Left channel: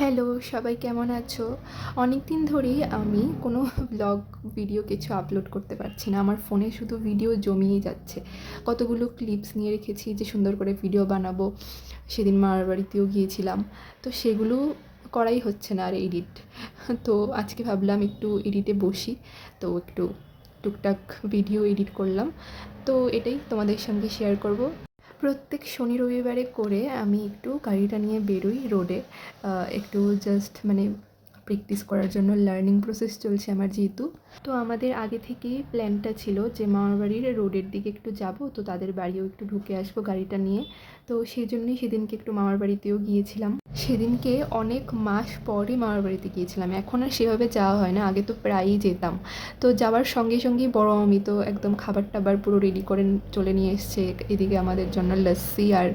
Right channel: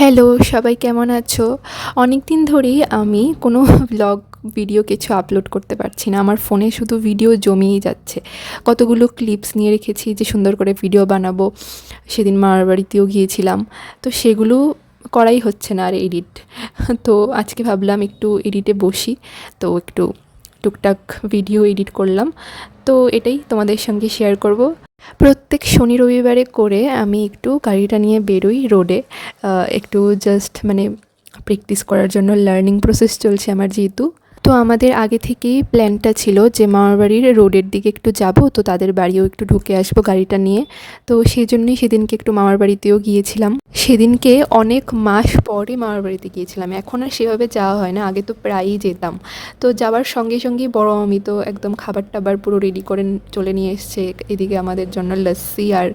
Hello, সবাই কেমন আছো? অনেক দিন ধরেই আমি কোনো ব্লগ ভিডিও কিছু আপলোড করতে পারছি না। আমার ফোনে শুধু ভিডিও জমেই যাচ্ছে। কতগুলো ক্লিপস নিয়ে রেখেছি যে সুন্দর করে ভিডিও বানাবো। সেদিন মামার বাড়িতেও গিয়েছিলাম। তো সেগুলো করাই হচ্ছে না আর এডিট। তো আজকে ভাবলাম একটু এডিটে বসি। তো একটু টুকটাক ভিডিও এডিট করলাম। তো এটাই তোমাদের সঙ্গে শেয়ার করব। প্রত্যেক শনি রবিবারে করে আমি একটু গাড়িটা নিয়ে বেরোই রোডে। একটু জাস্ট মানে প্র্যাকটিস করার জন্য, লার্নিং প্রসেস চলছে আমার যেহেতু। তো আমাদের আগে থেকেই প্ল্যানটা ছিল যে মামার বাড়ির রোডের দিকে একটু যাব, তো তাদের বাড়িও একটু ঢুকে আসবো গাড়িটা নিয়ে। তো সেই জন্যই সেদিনকে একটু মামার বাড়িতেও গিয়েছিলাম। সেদিনকে অনেক মাস পরে মামার বাড়িতে গিয়েছিলাম। এখন আর সেভাবে যাওয়া হয় না, আগে তো প্রায়ই যেতাম। তো যাওয়ার সঙ্গে সঙ্গেই বড় মামি তো একদম খাবার টাবার পুরো রেডি করে চলে নিয়ে এসছে। এদিকে আমাদের জন্য লস্যি আর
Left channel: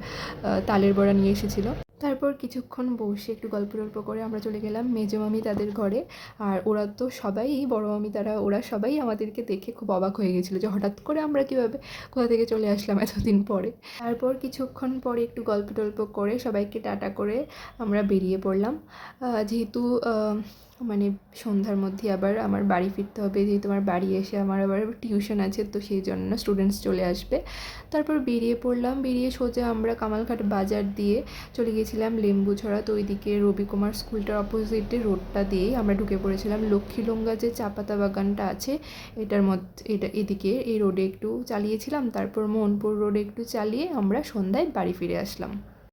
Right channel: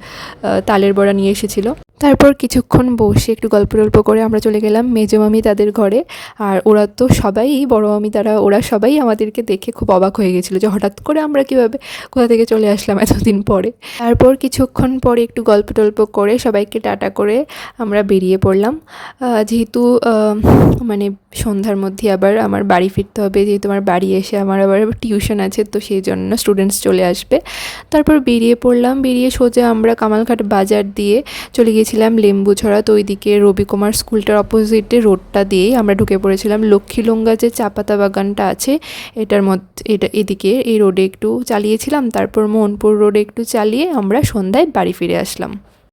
তালের বড়া নিয়ে এসেছিলো। তারপর কিছুক্ষণ বসে একটু গল্প টল্প করে আমরা চলে গেলাম মেজো মামি তাদের ঘরে। আর ওরা তো সবাই, বড় মামি ওরা সবাই আমাদেরকে দেখে খুব অবাক হয়ে গেছিলো যে হঠাৎ করে আমরা কীভাবে কোথা থেকে চলে আসলাম এতদিন পরে। তারপর কিছুক্ষণ পরে একটু গল্প টল্প করে সবাইকে টাটা করে আমরা বেরিয়ে পড়লাম। যেহেতু মানে সন্ধ্যার মধ্যে আবার আমার বাড়ি ফিরতে হবে, যেহেতু আমার বাড়ি এসে আমার আবার টিউশন আছে, তো সেই জন্য স্টুডেন্টস চলে আসবে। তারপর বেরিয়ে পড়লাম, বেরিয়ে সোজা আমরা কামালঘাট বাজার দিয়ে চলে গিয়েছিলাম লেম্বুছড়া। তো ওইদিকে রবিকুমার স্কুলটার অপোজিটে রোডটা দিয়েই আমরা ঢুকে পড়েছিলাম। লক্ষ্মীলঙ্গা যে চা পাতা বাগানটা আছে এটার মধ্যে, এদিকে এই রোডে একটু চালিয়েছিলাম। তারপর মোহনপুর রোডে একটু চালিয়ে আমরা সন্ধ্যায় বাড়ি ফিরে আসলাম।